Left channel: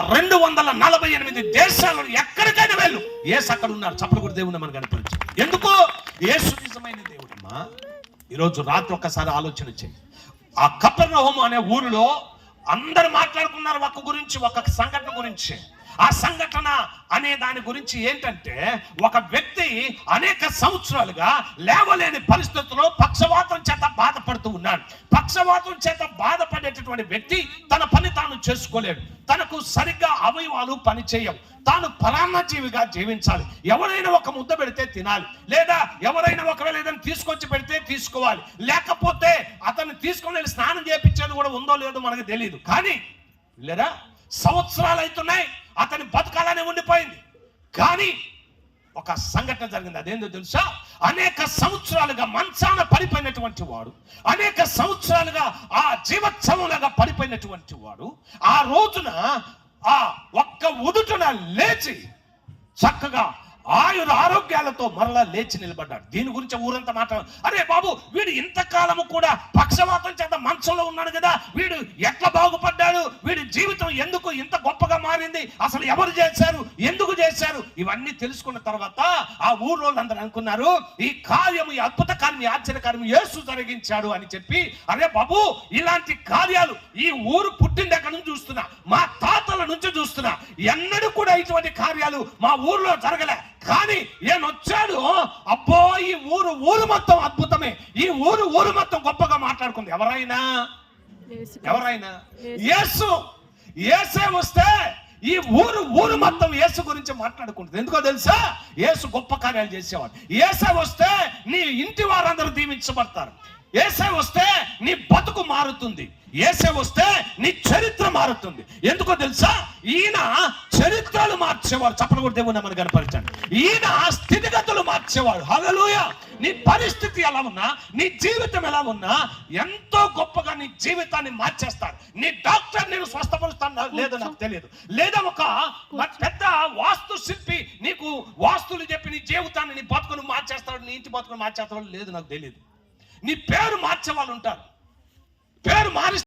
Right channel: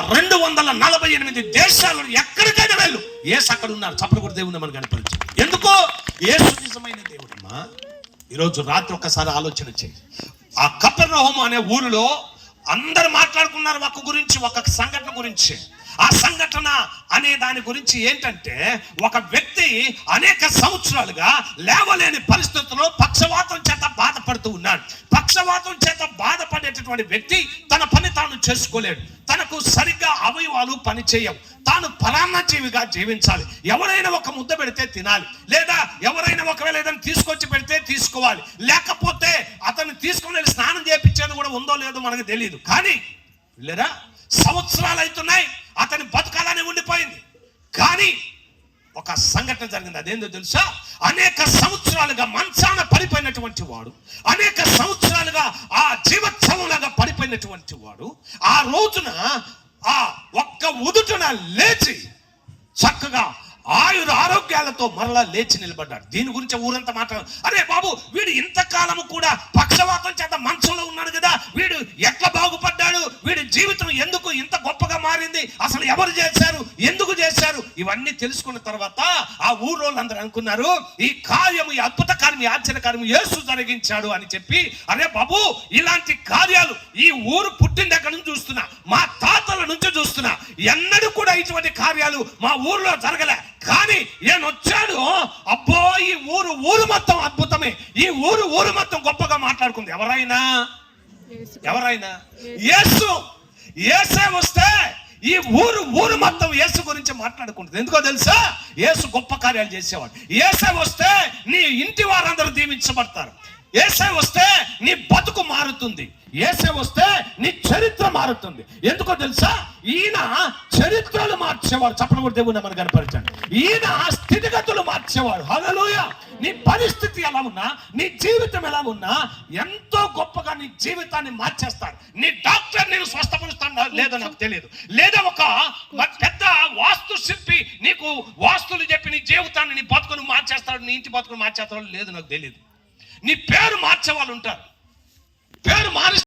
248 దేశాలు ఎక్కడికైనా వెళ్ళు, యేసు అక్కడ ఉన్నారు. చప్పట్లు కూడా దేవుని మనకు కనపరిచి. ఎందుకో యేసు నిజమైన దేవుడమ్మా. ఈరోజు రాత్రి ఒక్కసారి ఆలోచన చేయి. ఆ కపెర్నహూము అనే ఊరిలో అందరు మాట్లాడుకున్నారు ఒక గురించి, ఒక సంఘటన గురించి. ఆ సంఘటన అనే దాని గురించి ఏంటంటే, ఒక వ్యక్తి అనేక సంవత్సరాలుగా లేవలేని పరిస్థితుల్లో పక్షవాతం చేత బాధపడుతూ ఉన్నాడు. పక్షవాతం చేత బాధపడేటటువంటి వ్యక్తి తన పని తాను చేసుకోలేడు. తనకు సరిగ్గా అవయవాలు పని చేయవు. తాను పరాన్నజీవిగా జీవించాలి. ఎవరైనా ఒక ముద్ద పెడితే తినాలి, లేదా ఎవరైనా ఒకవేళ ఏదైనా తీసుకొచ్చి పెడితే తీసుకోవాలి. లేకపోతే అతన్ని తీసుకొని స్నానం చేయించేది కూడా ఉందో లేదో మనకు తెలియదు. కానీ లేదా సంవత్సరాలు అవుతున్నాయి, అతని బతకాలనే ఉండిపోయింది. కానీ ఒక సంఘటన జరిగింది. అదేందో తెలుసా? అనేక సంవత్సరాలుగా మంచాన పడిపోయినటువంటి వాడు, అనేక సంవత్సరాలుగా ఆ జీవోత్సవంలాగా పడిపోయినటువంటి వాడు ఆ రోజున ఆ ఒక్క ఉదుటున లేచి చక్కగా ఆరోగ్యాలతో మరలా లేచి నిలబడ్డాడు. దీని గురించి ఊరంతా మాట్లాడు. అరే బాబు, వీడు ఇంతకాలము కూడా పక్షవాతం చేత మంచంలో ఉన్నాడు కదా, వీడు ఎట్లా బాగుపడ్డాడు, వీడి జీవితం ఎందుకు ఇంత గొప్పగా మారింది, అసలు ఎవరు చేశారు, ఎందుకు చేశారు, ఇవన్నీ తెలుసుకున్న తర్వాత ఆ ఊర్లో అందరూ అనుకున్నారు, ఈ కార్యము, ఈ అద్భుత కార్యం, ఈ ఆశ్చర్య కార్యం యేసు జరిగించాడు అని చెప్పి. అరే బాబు, ఇలాంటి కార్యాలు ఈ ఊరు పుట్టిన దగ్గర నుంచి చూస్తున్నా, మా తాతల నుంచి చూస్తున్నా, ఎన్నడూ కూడా ఇటువంటి కార్యాలు మా ఊర్లో జరగలే. కానీ నేను వచ్చాడు, అబ్బో ఈ ఊరు మొత్తం అద్భుతమే, ఈ ఊరు మొత్తం గొప్పగా మాట్లాడుకుంది. ఎవరైనా యేసే వస్తే ఈ ఊరు మొత్తం యేసు గురించి మాట్లాడుకుంటుంది. ఎందుకో తెలుసా? యేసు గొప్ప కార్యాలు చేసేవాడు. యేసే వస్తే నీ ఇంటి వారందరూ దీవించబడతారు. యేసే వస్తే నీ బతుకు మారుతుంది. యేసే వస్తే నీ చరిత్ర మారుతుంది. ఎందుకో తెలుసా? ఈయన చరిత్రలు మార్చేవాడు. చప్పట్లు కూడా దేవుని మనకు కనపరిచాడు. ఈయన స్థితిగతులు మార్చేవాడు. హల్లెలూయా. నీ పరిస్థితి ఎలా ఉన్నా, నీ జీవితం ఎలా ఉన్నా, ఎంతో గొప్పగా నీ జీవితాన్ని మార్చేస్తాడు. నీ డాక్టర్ నేను స్వస్థపరుస్తాను లేదో నాకు తెలియదు, లేదా ఒక పెద్ద వాస్తు శిల్పి నీకు వాస్తులు చెప్పి నీ జీవితాన్ని, నీ బతుకును మార్చేస్తాడు, నీ ఇంటి బతుకును మార్చేస్తాడు లేదు నాకు తెలియదు. నీ పేరు మార్చే వాళ్ళు ఉంటారు. పేరు మారి